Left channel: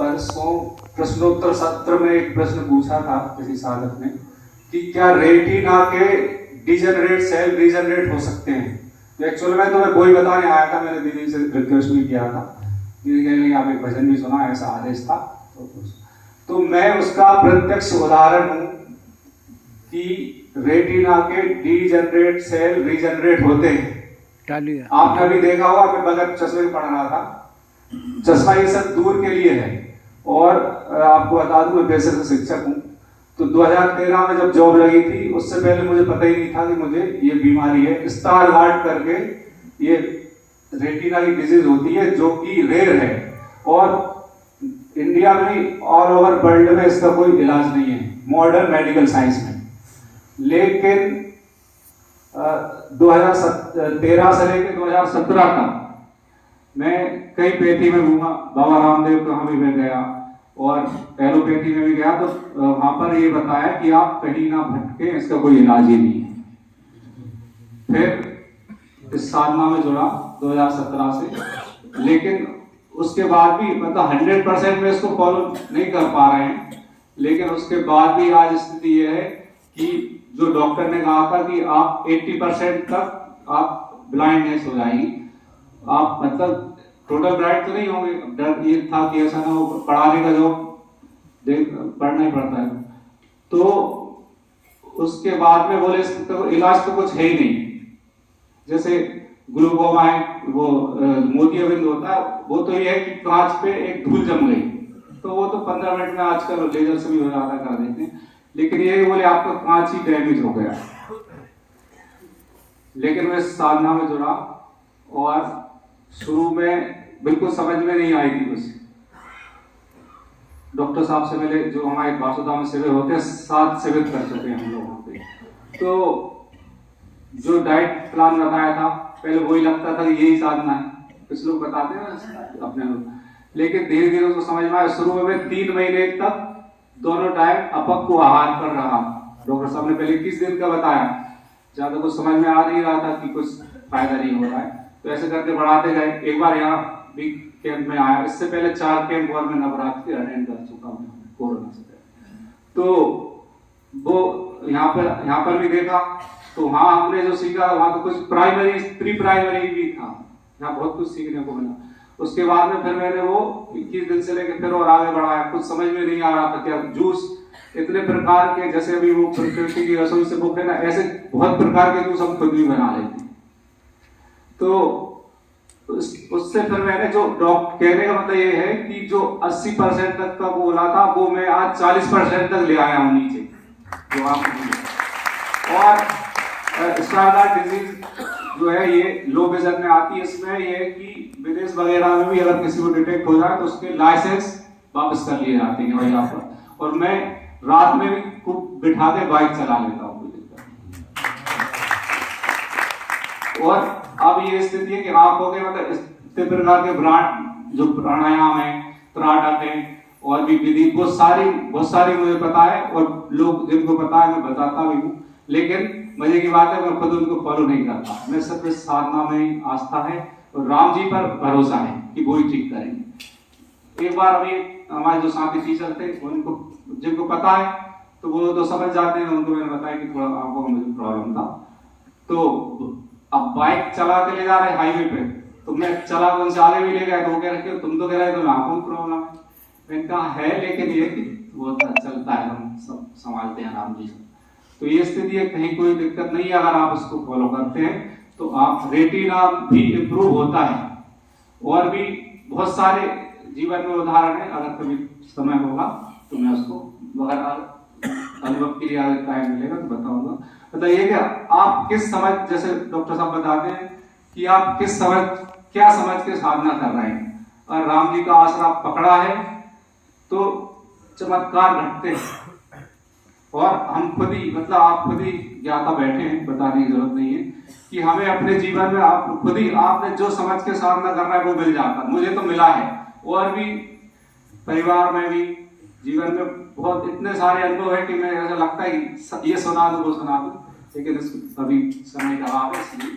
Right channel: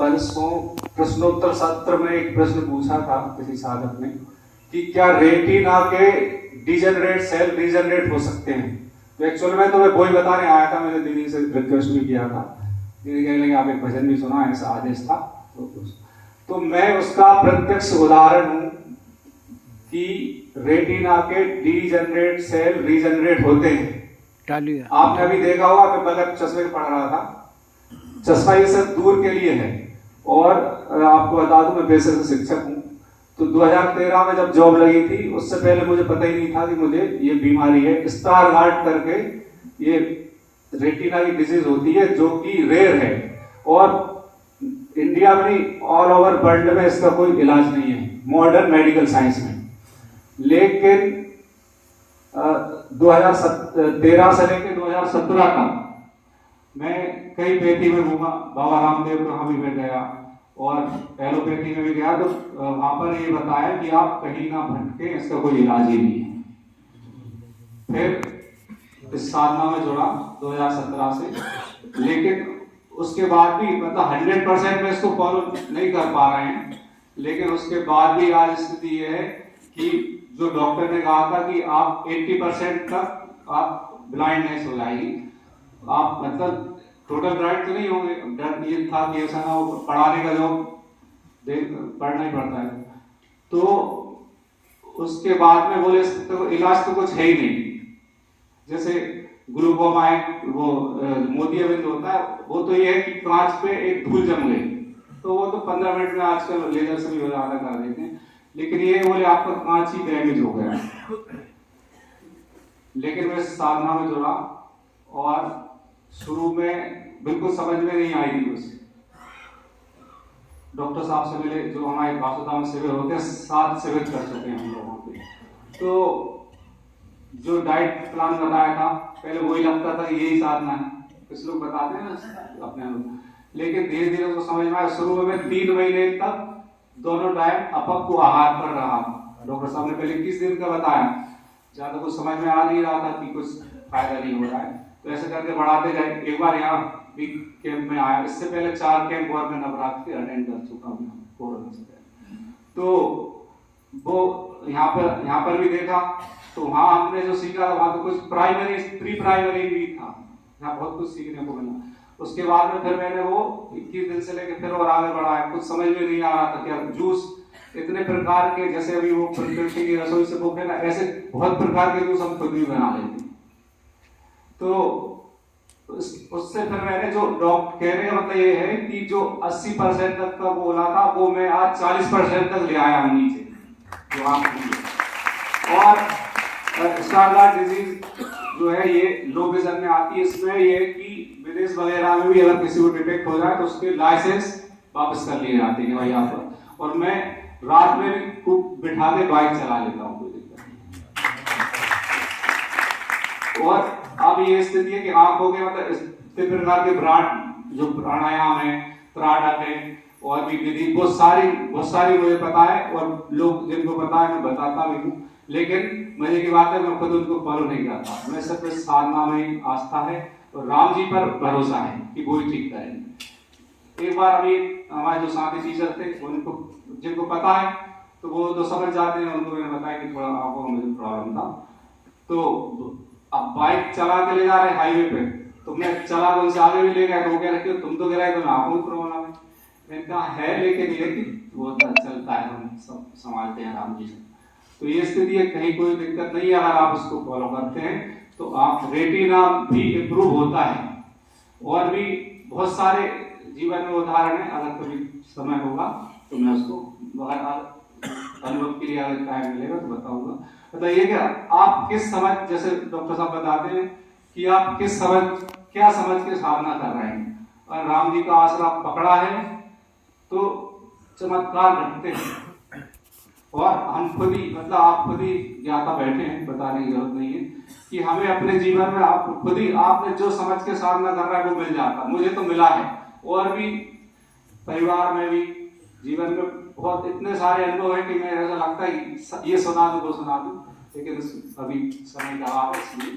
परसों प्रश्नोत्तर सत्र में एक प्रश्न पूछा था किसी साधक ने कि क्या रेटिना के डिजनरेट सेल रीजनरेट हो सकते हैं। तो एक्चुअली में तो मैं वही बताने आया था, मैंने दीदी से रिक्वेस्ट भी किया था, दीदी कह रही आप एक भजन भी सुना, ऐसा आदेश था। तो मैं उसका प्रत्यक्ष उदाहरण हूं कि रेटिना के डिजनरेट सेल रीजनरेट होते हैं। आपने अभी देखा होगा, मैं बगैर चश्मे पढ़ रहा था, चश्मा ये सब दूर के लिए है। और आपको बता दूं मैं पेशे से शिक्षक हूं, तो 2013 में जब जॉब लगी थी उससे पहले मुझे पता ही नहीं था कि मुझे ये बीमारी है, स्टारगार्ड करके ये रेटिना की डिजीज होती है जो कि रेयर है और इंडिया में ऑल ओवर वर्ल्ड में इसका कोई इलाज नहीं है मॉडर्न मेडिकल साइंस में। लेकिन 2013 से लेकर 2017 तक मैं कई पैथी में घूमा, बाबा रामदेव कहाँ भी मैं गया और एलोपैथी में भी गया, तो वहां पर ये बताया कि आप कहीं ना भटके, इसका कोई इलाज ही नहीं है। फिर इस साधना में जुड़ा 2017 से, लेकिन उसके बाद भी मतलब 100% में इसको फॉलो नहीं कर पा रहे हैं। लेकिन उसके बाद भी आज स्थिति ये है कि जो डॉक्टर ने कहा था कि आप 80% तक आप ब्लाइंडनेस हो जाएगी, आप मतलब टोटल ब्राइट तो नहीं होंगे। डर ये था कि ऐसा ना हो, पढ़ाने का जॉब पढ़ना ही पड़ता है। तो उसके बाद में बोले तो इलाज तो कुछ है ही नहीं। जैसे ग्लूकोमा है, वो मोतियाबिंद होता है, वो तो ये है कि कांच पे एक धूल जम गई, तो वो तो 15 मिनट में आजकल लेजर से भी हो जाता कर देते हैं। लेकिन ये बोले आपका कांच ही डैमेज हो गया। लेकिन मैं साधना में जुड़ा और शुरू में बिल्कुल समझ में नहीं आई थी कुछ। डॉक्टर साहब से मिले जो हमारे वासुदा में शिविर होते हैं, 7 शिविर कर चुके हैं हम लोग वहां पे। तो जो डाइट प्लान बताया था पहले वही लगता था कि यही साधना है, कुछ लोग बताते हैं ना अपने लोग। लेकिन धीरे धीरे उसको समझ में आया। शुरू में 3 महीने तक दोनों टाइम अपक्व आहार पर रहा। डॉक्टर साहब ने पहले 21 दिन का बताया, ज्यादा कुछ समझ में आ नहीं रहा था कि कुछ फायदा नहीं हो रहा है, तो ऐसे करके बढ़ाते गए। एक बार यहाँ भी कैंप में आया, इससे पहले 4 कैंप और मैं नवरात्र के अटेंड कर चुका हूँ कोरोना से पहले। तो वो यहाँ पर भी देखा, तो वहाँ हमने जो सीखा वहाँ तो कुछ प्राइमरी प्री प्राइमरी भी था, यहाँ बहुत कुछ सीखने को मिला। उसके बाद में फिर मैंने वो 21 दिन से लेकर फिर और आगे बढ़ाया। कुछ समझ में नहीं आ रहा था क्या जूस इतने प्रकार के, जैसे अभी वो प्रकृति की रसोई से वो ना, ऐसे बहुत प्रकार के जूस हम खुद भी बना लेते। तो उससे फिर मैंने जो डॉक्टर कहने का मतलब ये है कि जो 80% तक का वो बोला था वो मैं आज 40% तक ले आया हूँ नीचे जो आप। और स्टारगार्ड डिजीज जो है ये लो विजन में आती है। इसमें ये है कि विदेश वगैरह में भी अगर किसी को डिटेक्ट हो जाए तो उसके लाइसेंस वापस कर लिए जाते हैं वही आप। और मैं रात में भी खूब बिठा के बाइक चला लेता हूँ, कोई दिक्कत नहीं। और अब ये स्थिति है कि आंखों के मतलब इस प्रकार के ब्रांड जो प्राणायाम है, त्राटक है और भी विधि बहुत सारी मुझे पता है और लोग जिनको पता है मैं बताता भी हूँ। लेकिन मजे की बात है मैं खुद उनको फॉलो नहीं करता। मैं सब इस साधना में आस्था है और राम जी पर भरोसा है कि वो ही ठीक करेंगे। एक बार अभी हमारे जो साथी टीचर थे उनको जिनको पता है तो वो तो समझ जाते हैं, उनको मैंने बताया कि थोड़ा आंखों में मुझे प्रॉब्लम था। तो अब बाइक चला के ले जा रहे हाईवे पे, तो मैं चला को उनसे आगे भी ले गया, तो वो कह रहे तुम तो कह रहे तो आंखों में प्रॉब्लम है। मैंने कहा है, लेकिन ये कि वो चलता है, हम सब संभालते हैं राम जी से। तो ये स्थिति है, कहीं कोई दिक्कत नहीं है। अगर आप इसको फॉलो करते हैं तो आप रेटिना भी इम्प्रूव होता है। और भी बहुत सारे जीवन में उदाहरण है, अगर कभी समय होगा तो मैं उसको अनुभव के लिए अगर टाइम मिलेगा तो बताऊंगा। बताइए कि आप किस समझ, जैसे डॉक्टर साहब बताते हैं कि आप क्या समझ के साधना कर रहे हैं। और राम जी का आसरा पकड़ा है तो चमत्कार घटते हैं। और हम खुद ही मतलब आप खुद ही ज्ञाता बैठे हैं, बताने की जरूरत नहीं है कि हमें अपने जीवन में आप खुद ही आपने जो समझ के साधना कर रहा है वो मिल जाता। मुझे तो मिला है और भी परिवार में भी जीवन में बहुत इतने सारे अनुभव है कि मैं ऐसा लगता है ये सुना दो वो सुना दो, लेकिन अभी समय का अभाव है इसलिए